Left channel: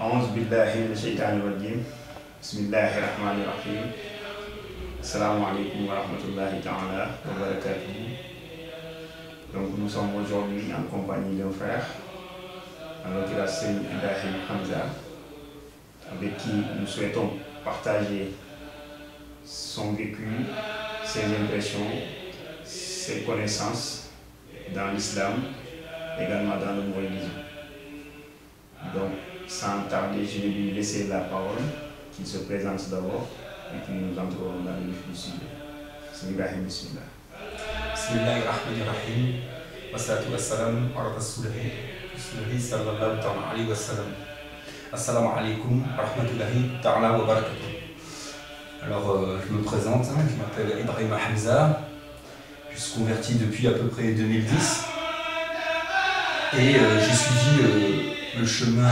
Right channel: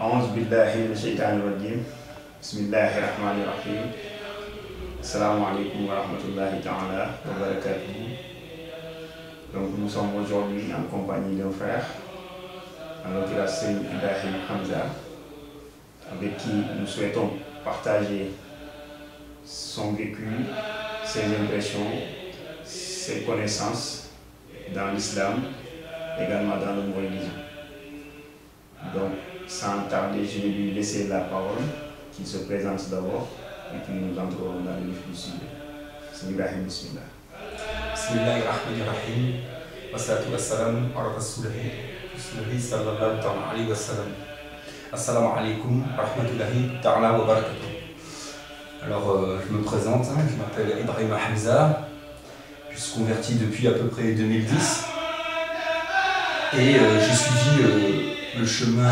A'udhu billahi minash shaitanir rajim. Bismillahir rahmanir rahim. Assalamu alaikum wa rahmatullahi ta'ala wa barakatuh. Donc nous sommes aujourd'hui en compagnie d'un frère, en l'occurrence Ibrahim Hamza, avec qui nous souhaitons partager son vécu, ses impressions, ses connaissances dans l'islam, également dans le mouridisme. Donc, sans tarder, je vais lui laisser la parole, qu'il se présente d'abord, et puis nous entrerons dans le vif du sujet. Ibrahim, bismillah. Bismillahirrahmanirrahim. Wassalatu wassalamu ala rasulihi sallallahu alayhi wa sallam. Assalamu alaikum wa rahmatullahi ta'ala wa barakatuh. Alors, je me présente, je m'appelle Ibrahim Hamza, je suis converti depuis à peu près 2010 et j'ai suivi le chemin de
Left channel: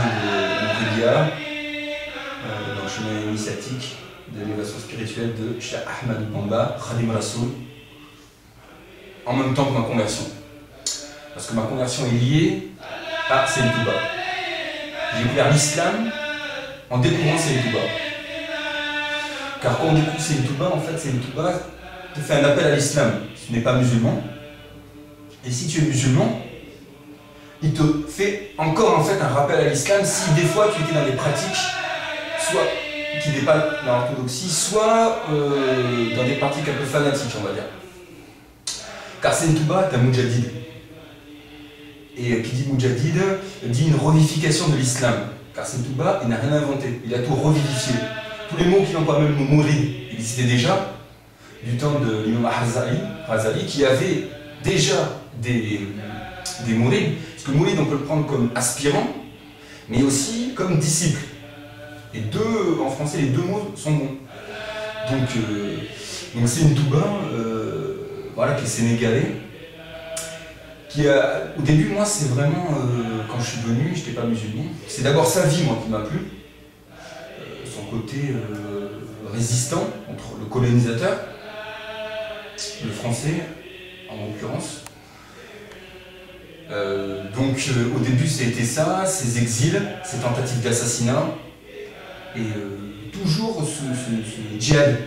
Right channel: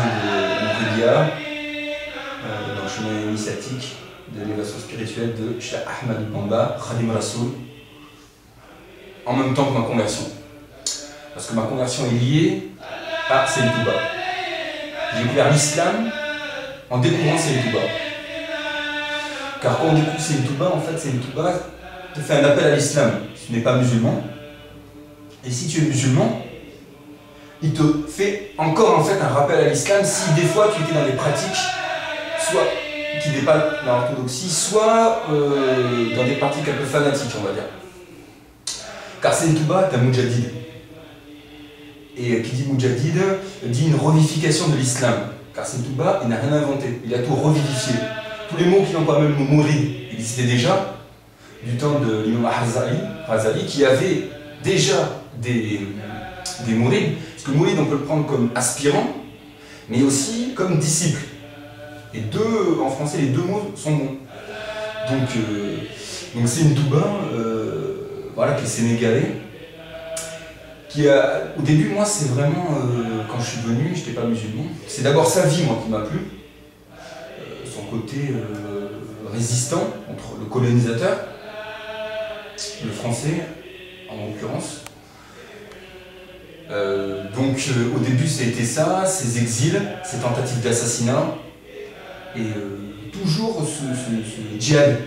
Mouridia, le chemin initiatique de l'élévation spirituelle de Cheikh Ahmed Bamba, Khadim Rassoul, en même temps que ma conversion. Parce que ma conversion est liée à Seyyid Touba. J'ai découvert l'islam en découvrant Seyyid Touba. Car quand on découvre Seyyid Touba, en fait, Seyyid Touba te fait un appel à l'islam. Tu n'es pas musulman. Et si tu es musulman, il te fait encore en fait un rappel à l'islam si des fois tu étais dans des pratiques, soit qui dépassent l'orthodoxie, soit dans des pratiques un peu fanatiques, on va dire. Car Seyyid Touba est un moudjadid. Et qui dit moudjadid dit une revivification de l'islam. Car Seyyid Touba, il n'a rien inventé, il a tout revivifié. Tous les mots qu'il emploie, même le mourid, il existait déjà du temps de l'imam Razali, qui avait déjà des mourides. Parce que mouride, on peut le prendre comme aspirant, mais aussi comme disciple. Et en français, les deux mots sont bons. Donc Seyyid Touba, voilà, qui est sénégalais, au début, moi, c'est vraiment, quand je suis venu, je n'étais pas musulman, c'est d'abord sa vie, moi, qui m'a plu. Son côté résistant contre le colonisateur, le français, en l'occurrence. Au début, c'était ça, ces exils, ces tentatives d'assassinat, et toujours ce djihad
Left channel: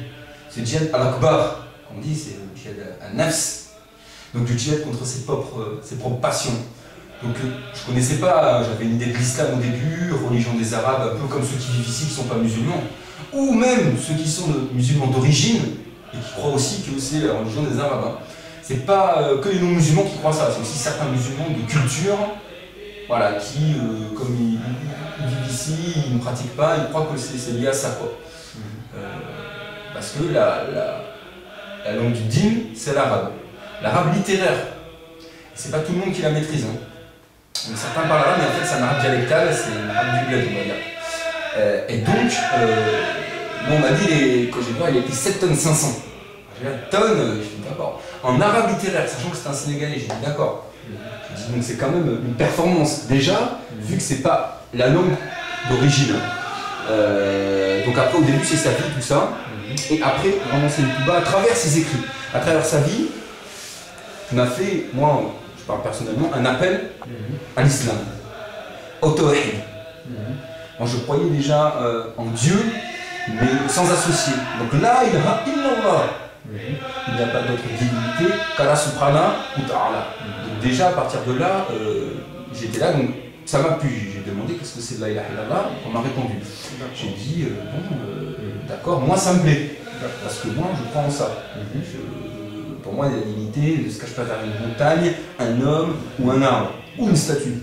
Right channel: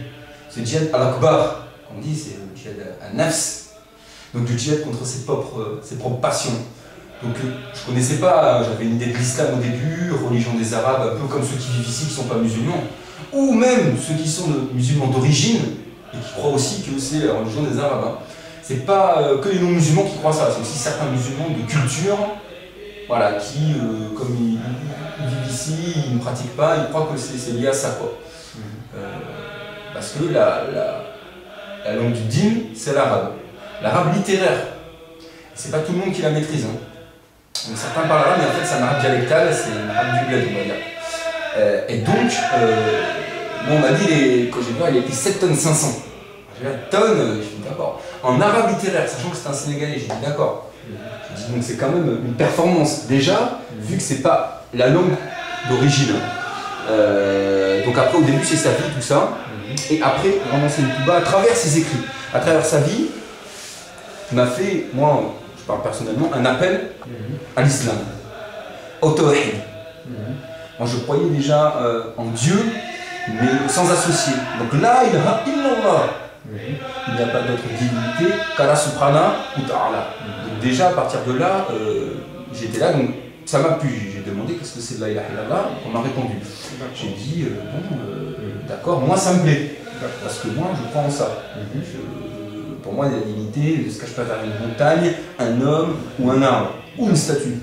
al-akbar, qu'on dit, c'est le djihad al-nafs. Donc le djihad contre ses propres passions. Donc je connaissais pas, j'avais une idée de l'islam au début, religion des Arabes, un peu comme ceux qui vivent ici qui ne sont pas musulmans, ou même ceux qui sont musulmans d'origine et qui croient aussi que c'est la religion des Arabes. Hein. C'est pas que les non-musulmans qui croient ça, c'est aussi certains musulmans de culture, voilà, qui, comme ils vivent ici, ils ne pratiquent pas, ils croient que c'est lié à ça, quoi. Parce que la langue du dîn, c'est l'arabe. L'arabe littéraire, c'est pas tout le monde qui la maîtrise. Hein. Donc, certains parlent arabe, mais en fait c'est un arabe dialectal, c'est un arabe du bled, on va dire. Et donc, bon, on m'a dit, quand j'ai vu, il était 7 tonnes 500. J'ai dit, tonne, je dis d'accord. En arabe littéraire, sachant que c'est un Sénégalais, j'ai dit d'accord. J'ai dit, donc c'est quand même une performance. Déjà, vu que c'est pas la langue d'origine. Donc après, au début, c'est sa vie, tout ça. Et après, vraiment, c'est Seyyid Touba, à travers ses écrits, à travers sa vie, m'a fait, moi, je parle personnellement, un appel à l'islam, au tawhid. Moi, je croyais déjà en Dieu, mais sans associer. Donc là, ilaha illallah. Il n'y a pas d'autre divinité qu'Allah subhanahu wa ta'ala. Donc déjà, à partir de là, j'étais là, donc ça m'a plu. J'ai demandé qu'est-ce que c'est de la ilaha illallah, on m'a répondu. J'ai dit, d'accord, moi ça me plaît, parce que moi je crois en ça. Pour moi, la divinité ne se cache pas derrière une montagne, un homme ou un arbre, ou une statue.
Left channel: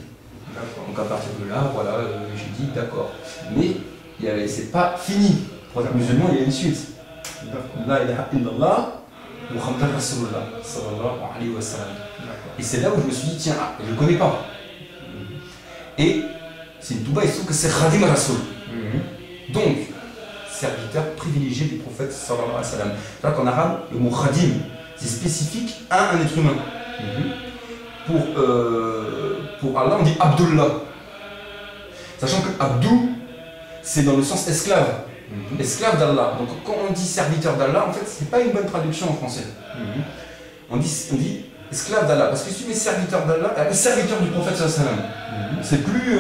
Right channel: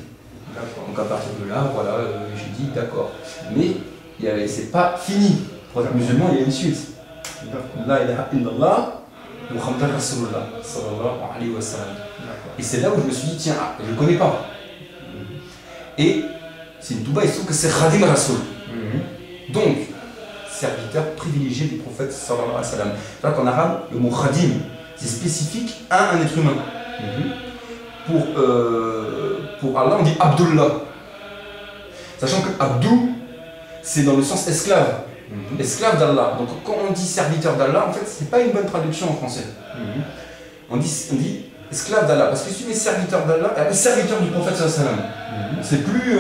Donc à partir de là, voilà, j'ai dit d'accord. Mais c'est pas fini. Pour être musulman, il y a une suite. La ilaha illallah, Muhammad Rasulullah, sallallahu alayhi wa sallam. Et c'est là où je me suis dit, tiens, je ne connais pas. Et Seyyid Touba, il se trouve que c'est Khadim Rassoul. Donc, serviteur privilégié du prophète sallallahu alayhi wa sallam. C'est-à-dire qu'en arabe, le mot Khadim, c'est spécifique à un être humain. Pour Allah, on dit Abdullah. Sachant que Abdou, c'est dans le sens esclave. Esclave d'Allah. Donc quand on dit serviteur d'Allah, en fait, c'est pas une bonne traduction en français. On dit esclave d'Allah. Parce que si tu mets serviteur d'Allah, serviteur du prophète sallallahu alayhi wa sallam, c'est plus.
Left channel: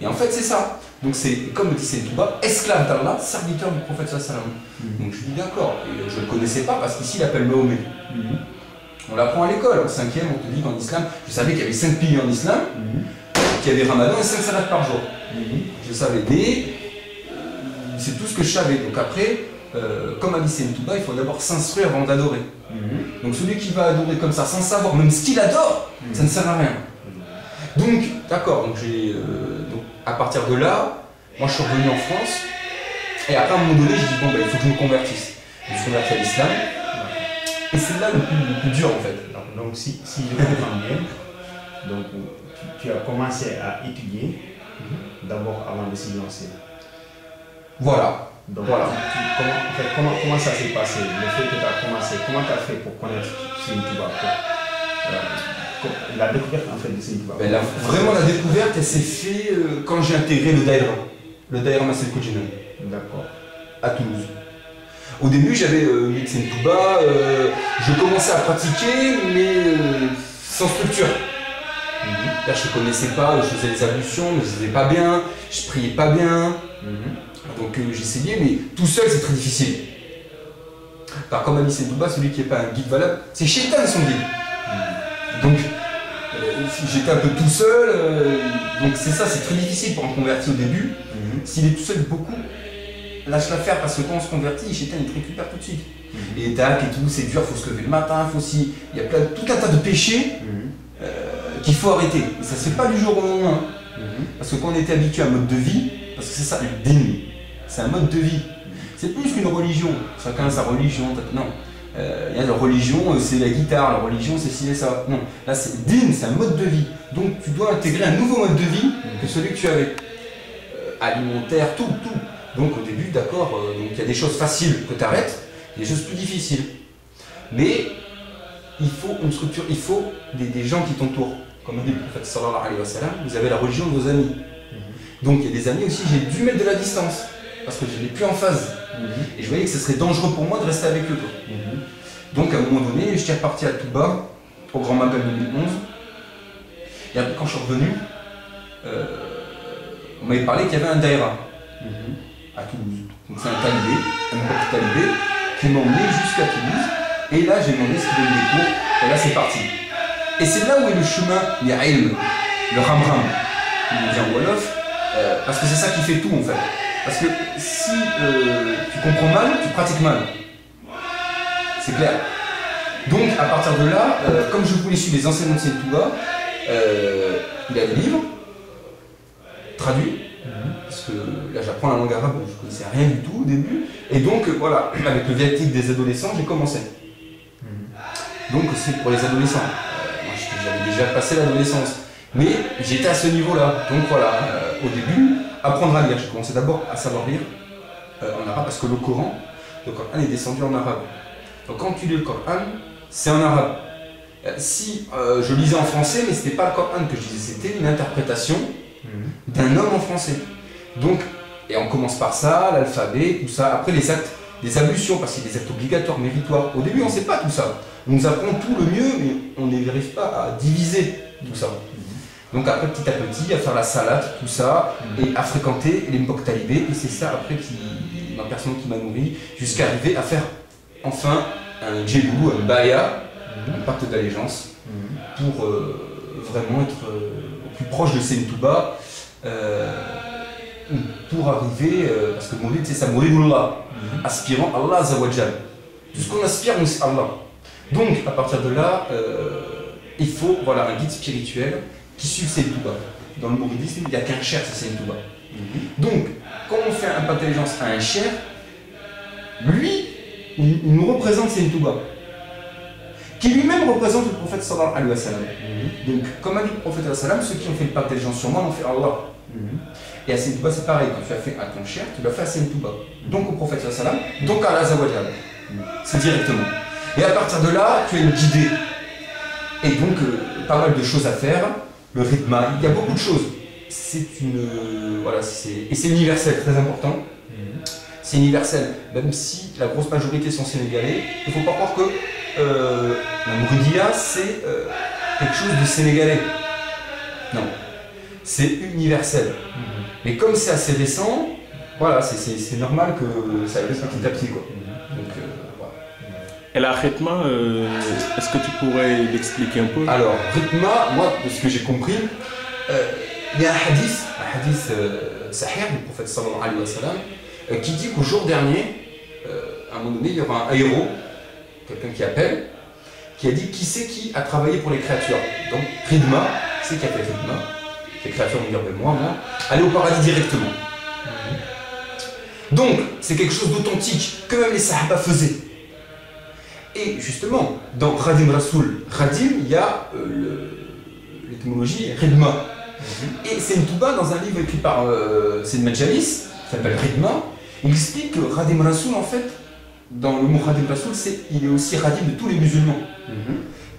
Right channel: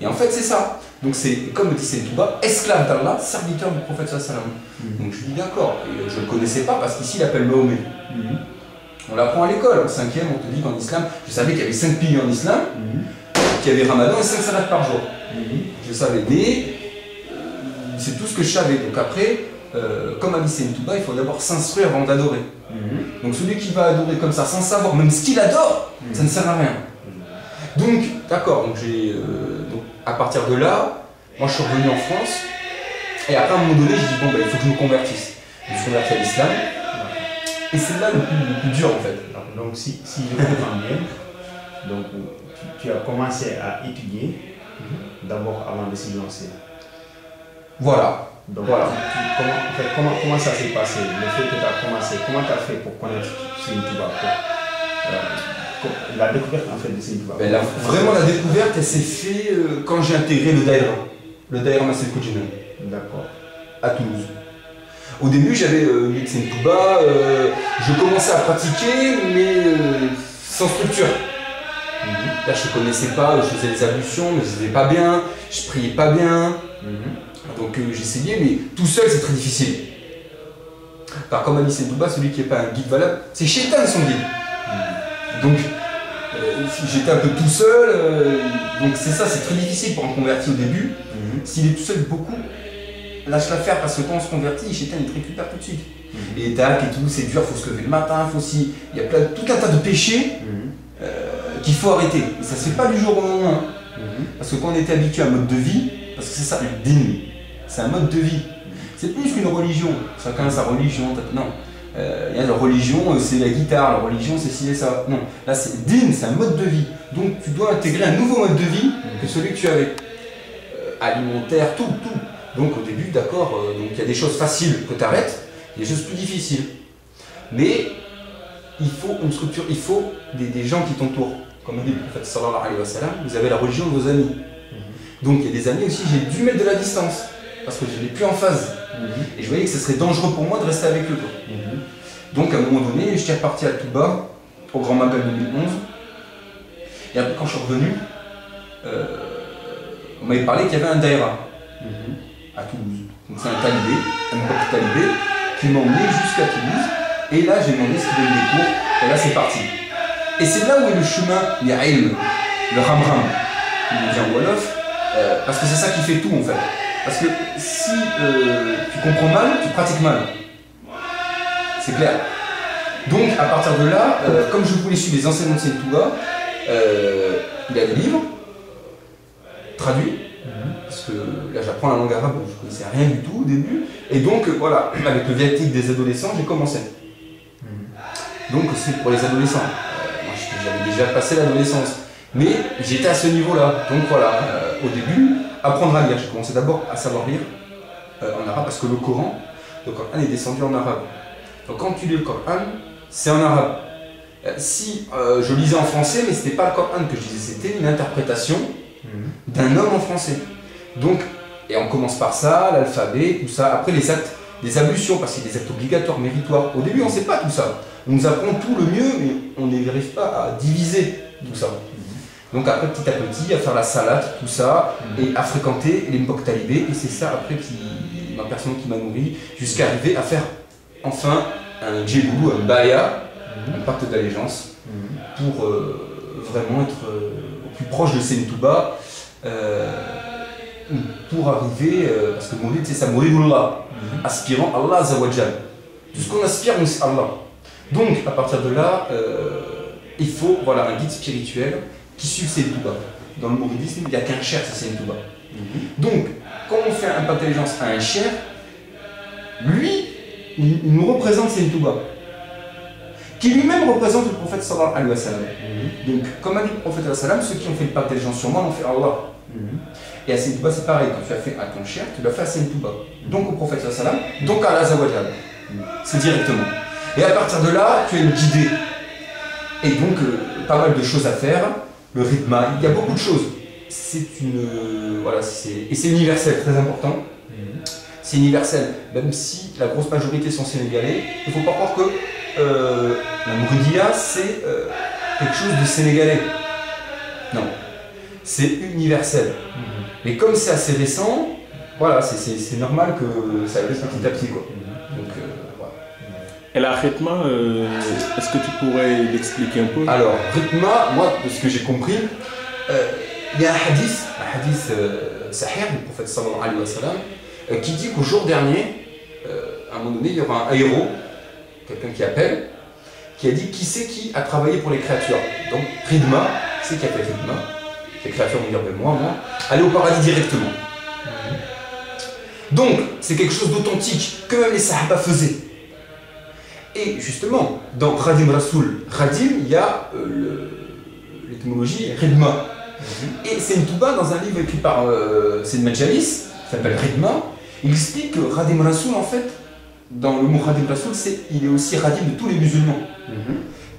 Et en fait, c'est ça. Donc, c'est comme le dit Seine Touba, esclave d'Allah, serviteur du prophète sallallahu alayhi wa sallam. Donc, je dis d'accord. Et je ne le connaissais pas parce qu'ici, il appelle Mahomet. On l'apprend à l'école. En 5e, on te dit qu'en islam, je savais qu'il y avait 5 piliers en islam, qu'il y avait Ramadan et 5 salats par jour. Je savais. Mais c'est tout ce que je savais. Donc, après, comme a dit Seine Touba, il faut d'abord s'instruire avant d'adorer. Donc, celui qui va adorer comme ça, sans savoir même ce qu'il adore, ça ne sert à rien. Donc, d'accord. Donc, à partir de là, moi, je suis revenu en France. Et après, à un moment donné, je dis bon, il faut que je me convertisse. Je me suis converti à l'islam. Et c'est là le plus dur en fait. Donc si je comprends bien, donc, tu as commencé à étudier d'abord avant de s'y lancer. Voilà. Donc voilà. Comment ça s'est passé? Le fait que tu as commencé, comment tu as fait pour connaître Seine Touba? La découverte en fait de Seine Touba. Vraiment la découverte, elle s'est faite quand j'ai intégré le Daïra Massel Koudjinan. D'accord. À Toulouse. Au début, j'avais lu Seine Touba, je commençais à pratiquer, mais sans structure. Là, je ne connaissais pas, je faisais les ablutions, mais je ne faisais pas bien, je priais pas bien. Donc j'essayais, mais tout seul, c'est très difficile. Car comme a dit Seine Touba, celui qui n'est pas un guide valable, c'est Shaitan son guide. Donc j'étais un peu tout seul, donc c'est ça, c'est très difficile pour un converti au début. S'il est tout seul, beaucoup lâche l'affaire parce que quand on se convertit, Shaitan il te récupère tout de suite. Et tac et tout, c'est dur, il faut se lever le matin, il y a tout un tas de péchés qu'il faut arrêter. Et ça se fait pas du jour au lendemain. Parce que quand on était habitué à un mode de vie, parce que c'est ça, le din, c'est un mode de vie. C'est plus qu'une religion, chacun a sa religion, non. La religion, c'est la guitare, la religion, c'est ci et ça. Non, là c'est din, c'est un mode de vie. Donc tu dois intégrer un nouveau mode de vie que celui que tu avais. Alimentaire, tout. Donc au début, d'accord, donc il y a des choses faciles que tu arrêtes, il y a des choses plus difficiles. Mais il faut une structure, il faut des gens qui t'entourent. Comme dit le prophète sallallahu alayhi wa sallam, vous avez la religion de vos amis. Donc il y a des amis aussi, j'ai dû mettre de la distance, parce que je n'étais plus en phase. Et je voyais que ce serait dangereux pour moi de rester avec eux. Donc à un moment donné, j'étais reparti à Touba, au Grand Magal 2011. Et après quand je suis revenu, on m'avait parlé qu'il y avait un daïra. À Toulouse. Donc c'est un talibé, un pote talibé, qui m'a emmené jusqu'à Toulouse. Et là, j'ai demandé ce qu'il donnait des cours. Et là, c'est parti. Et c'est là où est le chemin, le ramram, comme on dit en Wolof, parce que c'est ça qui fait tout en fait. Parce que si tu comprends mal, tu pratiques mal. C'est clair. Donc à partir de là, comme je voulais suivre les enseignements de Seine Touba, il a des livres traduits. Parce que là j'apprends la langue arabe, je ne connaissais rien du tout au début. Et donc voilà, avec le viatique des adolescents, j'ai commencé. Donc c'est pour les adolescents. Moi j'avais déjà passé l'adolescence. Mais j'étais à ce niveau-là. Donc voilà, au début, apprendre à lire. J'ai commencé d'abord à savoir lire en arabe parce que le Coran est descendu en arabe. Donc quand tu lis le Coran, c'est en arabe. Si je lisais en français, mais ce n'était pas le Coran que je lisais, c'était une interprétation d'un homme en français. Donc, et on commence par ça, l'alphabet, tout ça. Après les actes, les ablutions, parce qu'il y a des actes obligatoires, méritoires. Au début, on ne sait pas tout ça. On nous apprend tout le mieux, mais on n'arrive pas à diviser tout ça. Donc après, petit à petit, à faire la salade, tout ça, et à fréquenter les Mbok talibés. Et c'est ça après ma personne qui m'a nourri, jusqu'à arriver à faire enfin un djéboulou, un baya, un pacte d'allégeance, pour vraiment être au plus proche de Seine Touba. Pour arriver, parce que Mourid c'est ça, Mouridullah, aspirant Allah Azawajal. Tout ce qu'on aspire, c'est Allah. Donc à partir de là, il faut un guide spirituel qui suit Seine Touba. Dans le mouridisme, il n'y a qu'un cher, c'est Seine Touba. Donc, quand on fait un pacte d'allégeance à un cher, lui, il nous représente Seine Touba, qui lui-même représente le prophète sallallahu alayhi wa sallam. Donc, comme a dit le prophète sallallahu alayhi wa sallam, ceux qui ont fait le pacte d'allégeance sur moi l'ont fait Allah. Et à Seine Touba, c'est pareil, quand tu as fait à ton cher, tu l'as fait à Seine Touba. Donc au prophète sallallahu alayhi wa sallam, donc à Allah Azawajal. C'est directement. Et à partir de là, tu as une guidée. Et donc, pas mal de choses à faire. Le rythme, il y a beaucoup de choses. C'est une. Et c'est universel, très important. C'est universel. Même si la grosse majorité sont sénégalais, il ne faut pas croire que la Mouridia, c'est quelque chose de sénégalais. Non. c'est universel. Mais comme c'est assez récent, voilà, c'est normal que ça arrive petit à petit, quoi. Donc, voilà. Et la rythme, est-ce que tu pourrais l'expliquer un peu? Alors, rythma, moi, de ce que j'ai compris, il y a un hadith sahih du prophète sallallahu alayhi wa sallam, qui dit qu'au jour dernier, à un moment donné, il y aura un héros, quelqu'un qui appelle, qui a dit qui c'est qui a travaillé pour les créatures. Donc, Ridma, c'est qui a fait Ridma. Les créatures vont dire, ben moi, aller au paradis directement. Donc, c'est quelque chose d'authentique que même les Sahaba faisaient. Et justement, dans Khadim Rasoul, Khadim, il y a l'étymologie Ridma. Et c'est une touba dans un livre écrit par Sayyid Majalis, qui s'appelle Ridma. Il explique que Khadim Rasoul, en fait, dans le mot Khadim Rasoul, il est aussi Khadim de tous les musulmans.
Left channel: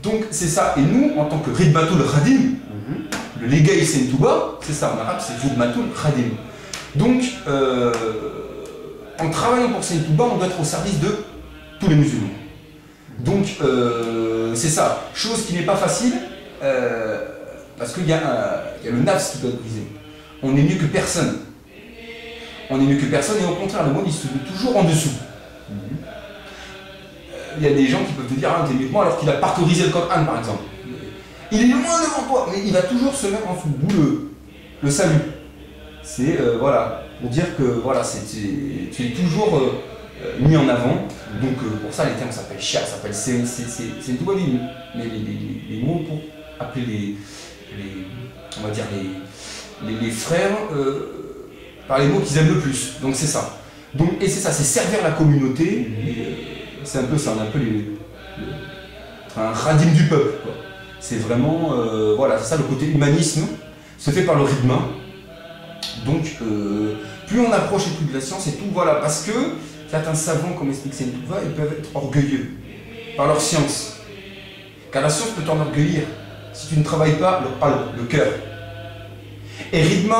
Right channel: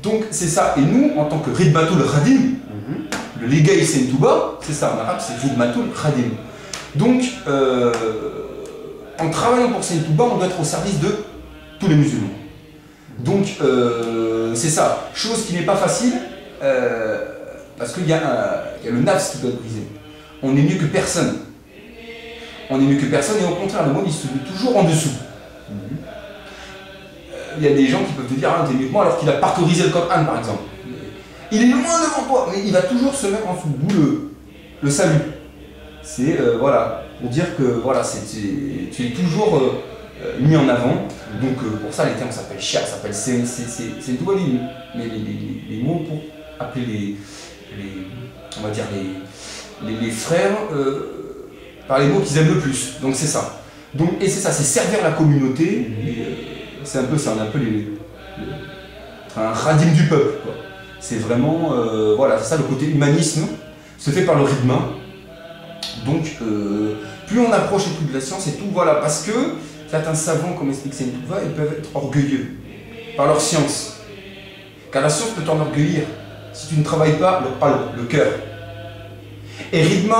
Donc, c'est ça. Et nous, en tant que Ridmatul Khadim, le Legaï c'est une touba, c'est ça en arabe, c'est Ridmatul Khadim. Donc, en travaillant pour cette touba, on doit être au service de tous les musulmans. Donc, c'est ça. Chose qui n'est pas facile, parce qu'il y a le nafs qui doit être brisé. On est mieux que personne. On est mieux que personne, et au contraire, le monde il se met toujours en dessous. Il y a des gens qui peuvent te dire, ah, t'es mieux que moi, alors qu'il a parcourisé le Coran, par exemple. Il est loin devant toi, mais il va toujours se mettre en dessous, d'où le salut. C'est, voilà, pour dire que voilà, tu es toujours mis en avant. Donc, pour ça, les termes s'appellent cher, s'appellent c'est une touba ligne. Mais les mots pour appeler on va dire les frères par les mots qu'ils aiment le plus. Donc, c'est ça. Donc, et c'est ça, c'est servir la communauté. C'est un peu ça, on est un peu un khadim du peuple, quoi. C'est vraiment, voilà, c'est ça, le côté humanisme se fait par le rythme. Donc, plus on approche et plus de la science et tout, voilà, parce que certains savants, comme explique Saint Touva, ils peuvent être orgueilleux par leur science. Car la science peut t'enorgueillir si tu ne travailles pas le cœur. Et rythme,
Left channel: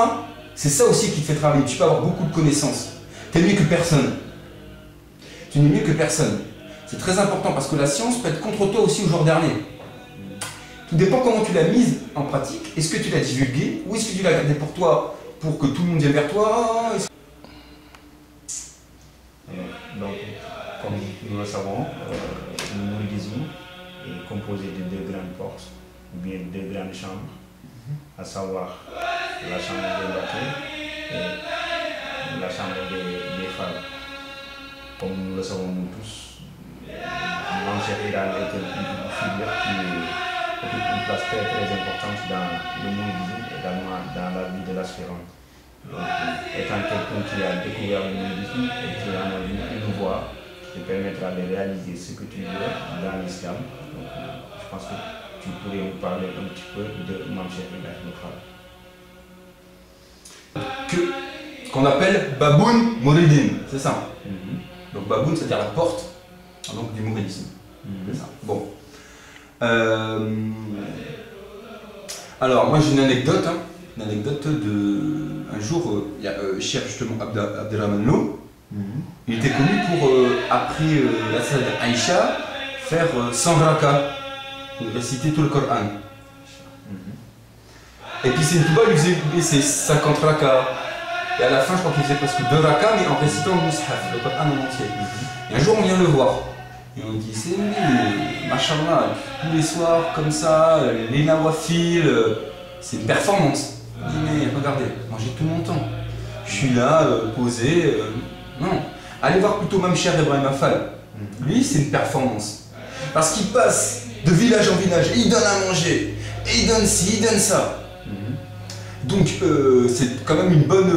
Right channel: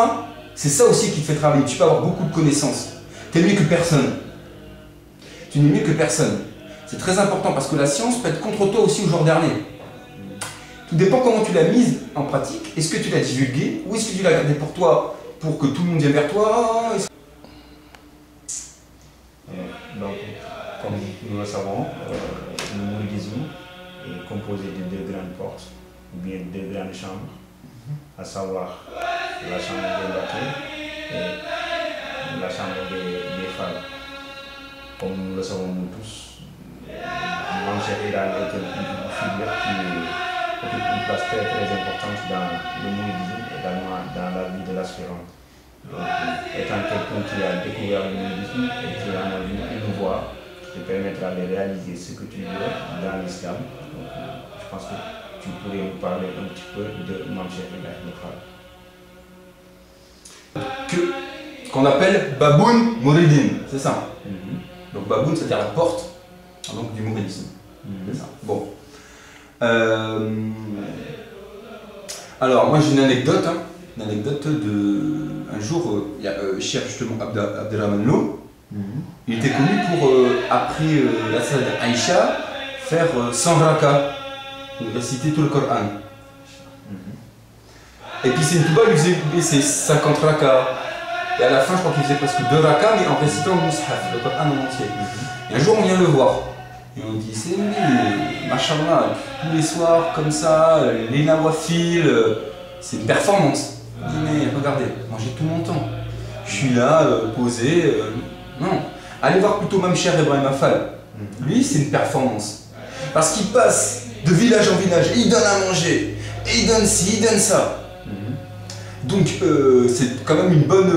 c'est ça aussi qui te fait travailler. Tu peux avoir beaucoup de connaissances. Tu es mieux que personne. Tu n'es mieux que personne. C'est très important parce que la science peut être contre toi aussi au jour dernier. Tout dépend comment tu l'as mise en pratique. Est-ce que tu l'as divulguée ou est-ce que tu l'as gardée pour toi, pour que tout le monde vienne vers toi? Donc, comme nous le savons, le mouridisme est composé de deux grandes portes, ou bien deux grandes chambres, à savoir la chambre des Mbaké et la chambre des femmes. Comme nous le savons nous tous, Mame Cheikh Ibrahima est une figure qui occupe une place très très importante dans le mouridisme et également dans la vie de l'aspirant. Donc, étant quelqu'un qui a découvert le mouridisme et qui en a vu une voie qui te permettra de réaliser ce que tu veux dans l'islam. Donc, je pense que tu pourrais nous parler un petit peu de Mame Cheikh Ibrahima Fall. Qu'on appelle Baboun Mouridine, c'est ça. Donc Baboun, c'est-à-dire la porte donc, du mouridisme. C'est ça. Bon. Alors, moi j'ai une anecdote. Une anecdote de. Un jour, il y a Cheikh justement Abderrahman Lo. Il était connu pour, après la salle d'Aïcha, faire 100 rakas, réciter tout le Coran. Et puis c'est une touba, il faisait ses 50 rakas. Et à la fin, je crois qu'il faisait presque 2 rakas, mais en récitant le Mus'haf, le Coran en entier. Et un jour, on vient le voir. Et on dit, c'est lui, machallah, tous les soirs, comme ça, les nawafil, c'est une performance. Il dit, mais regardez, moi j'ai tout mon temps. Je suis là, posé. Non, allez voir plutôt Mame Cheikh Ibrahima Fall. Lui, c'est une performance. Parce qu'il passe de village en village, et il donne à manger, et il donne ci, il donne ça. Donc c'est quand même une bonne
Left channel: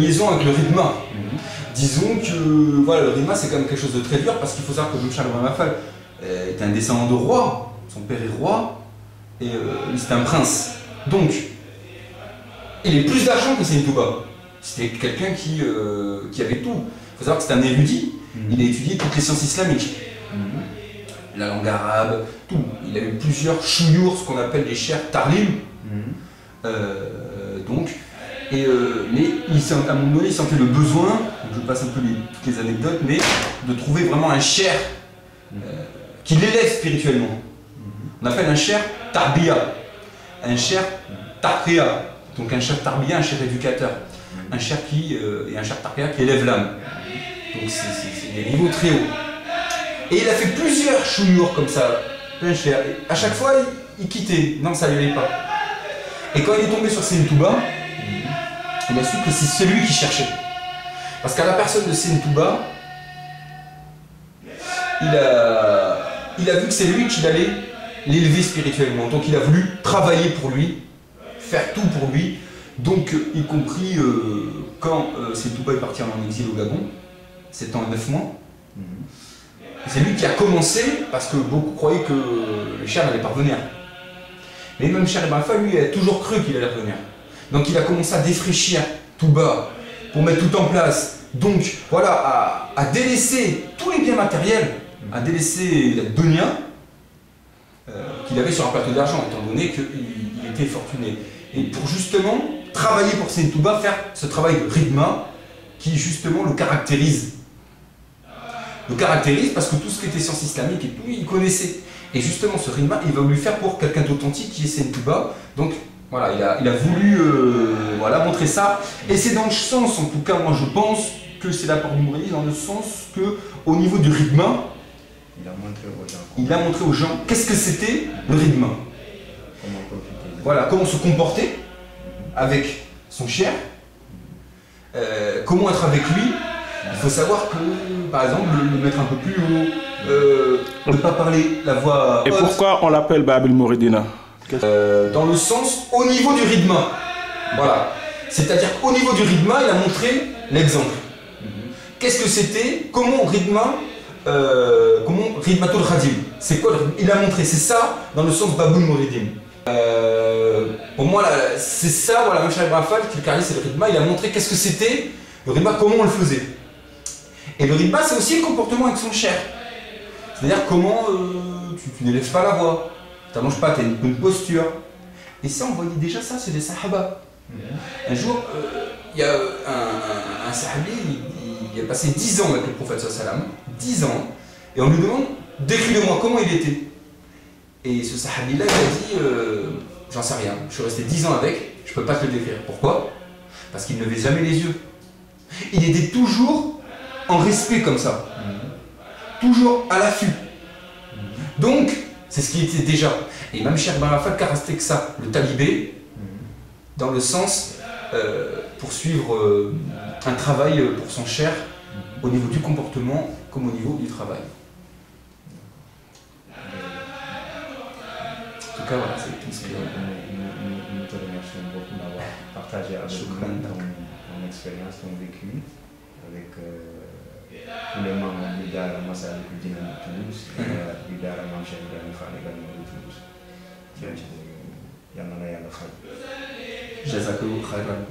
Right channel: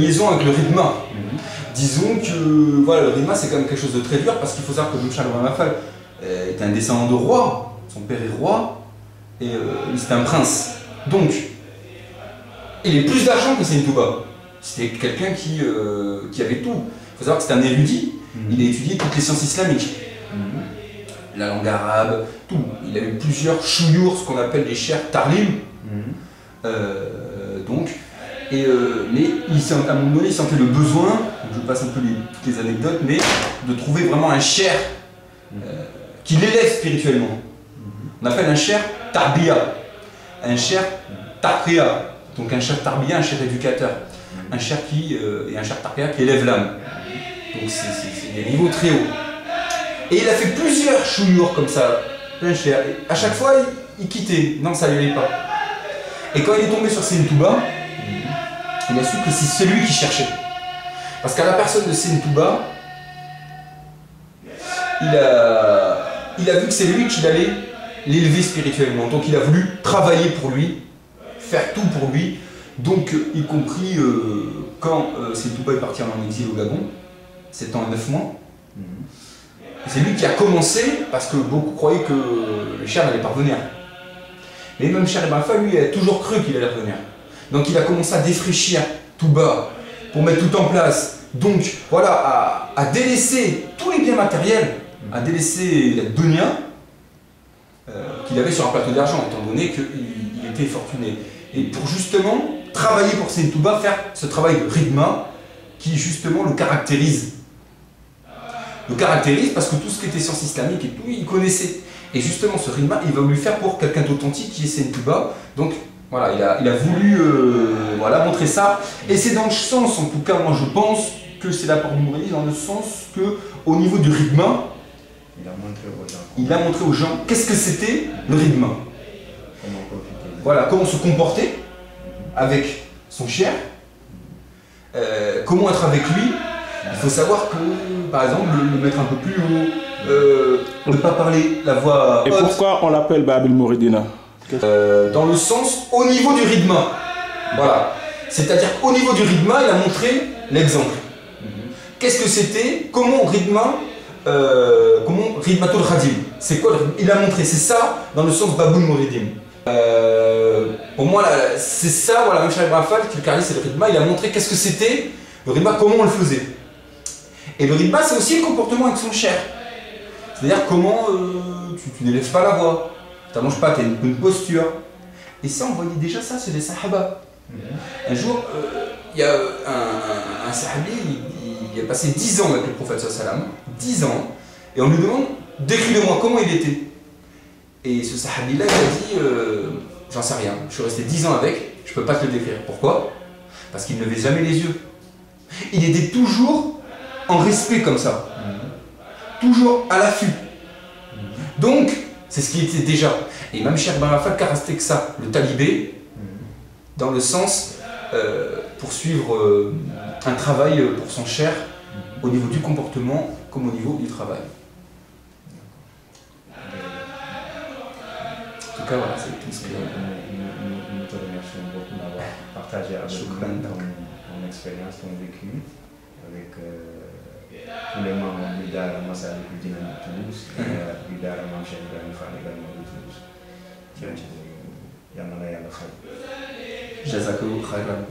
liaison avec le rythme. Disons que voilà, le rythme c'est quand même quelque chose de très dur parce qu'il faut savoir que Mame Cheikh Ibrahima Fall est un descendant de roi, son père est roi et c'est un prince. Donc il a plus d'argent que Saint Touba. C'était quelqu'un qui avait tout. Il faut savoir que c'est un érudit, il a étudié toutes les sciences islamiques. La langue arabe, tout. Il a eu plusieurs chouyours, ce qu'on appelle les chers tarlim. Donc, mais à un moment donné, il sentait le besoin, donc je passe un peu toutes les anecdotes, mais de trouver vraiment un cher qui l'élève spirituellement. On appelle un cher tarbiya, un cher tarqiya, donc un cher tarbiya, un cher éducateur, un cher et un cher tarqiya qui élève l'âme. Donc c'est des niveaux très hauts. Et il a fait plusieurs chouyours comme ça, plein cher. Et à chaque fois, il quittait, non ça ne lui allait pas. Et quand il est tombé sur Seine Touba, il a su que c'est celui qui cherchait. Parce qu'à la personne de Seine Touba, il a vu que c'est lui qui allait l'élever spirituellement. Donc il a voulu travailler pour lui, faire tout pour lui. Donc y compris quand Seine Touba est parti en exil au Gabon, c'était en 9 mois. C'est lui qui a commencé, parce que beaucoup croyaient que le Cheikh n'allait pas revenir. Mais même Cheikh Ibn Alpha, lui, a toujours cru qu'il allait revenir. Donc il a commencé à défraîchir Touba, pour mettre tout en place. Donc voilà, à délaisser tous les biens matériels, à délaisser la dunya qu'il avait sur un plateau d'argent, étant donné qu'il était fortuné. Et pour justement travailler pour Seine Touba, faire ce travail de ridma qui justement le caractérise. Le caractérise parce que tout ce qui était science islamique et tout, il connaissait. Et justement, ce ridma, il va lui faire pour quelqu'un d'authentique qui est Seine Touba. Donc voilà, il a voulu voilà, montrer ça. Et c'est dans le sens, en tout cas, moi je pense que c'est l'apport du Mouridisme, dans le sens que au niveau du ridma, il a montré aux gens qu'est-ce que c'était le ridma. Comment profiter. Voilà, comment se comporter avec son cher, comment être avec lui. Il faut savoir que, par exemple, le mettre un peu plus haut, ne pas parler la voix Et haute. pourquoi on l'appelle Bab el-Mouridina? Dans le sens au niveau du ridma. Voilà. C'est-à-dire qu'au niveau du ridma, il a montré l'exemple. Qu'est-ce que c'était? Comment ridmatul khadim? C'est quoi le ridma? Il a montré, c'est ça dans le sens Babul Mouridim. Pour moi, c'est ça, voilà, même Cheikh Ibn Alpha, qui le caractérise, c'est le ridma. Il a montré qu'est-ce que c'était le ridma, comment on le faisait. Et le ridma, c'est aussi le comportement avec son cher. C'est-à-dire comment tu n'élèves pas la voix. Tu n'allonges pas, tu as une bonne posture. Et ça, on voyait déjà ça, c'est des sahaba. Un jour, il y a un sahabi, il a passé 10 ans avec le prophète sallam, 10 ans, et on lui demande, décris-le-moi, comment il était. Et ce sahabi-là, il a dit, j'en sais rien, je suis resté 10 ans avec, je ne peux pas te le décrire. Pourquoi? Parce qu'il ne levait jamais les yeux. Il était toujours en respect comme ça. Toujours à l'affût. Donc, c'est ce qui était déjà. Et même Cheikh Ibn Alpha caractérise ça, le talibé, dans le sens poursuivre un travail pour son cher, au niveau du comportement comme au niveau du travail. En tout cas, voilà, c'est tout ce que... Nous te remercions beaucoup d'avoir partagé avec nous ton expérience, ton vécu, avec tous les membres du Daara Massalikul Jinaan de Toulouse et du Daara Mame Cheikh Ibrahima Fall également de Toulouse. Yal na la yàlla fay. Jazakallahu khayran.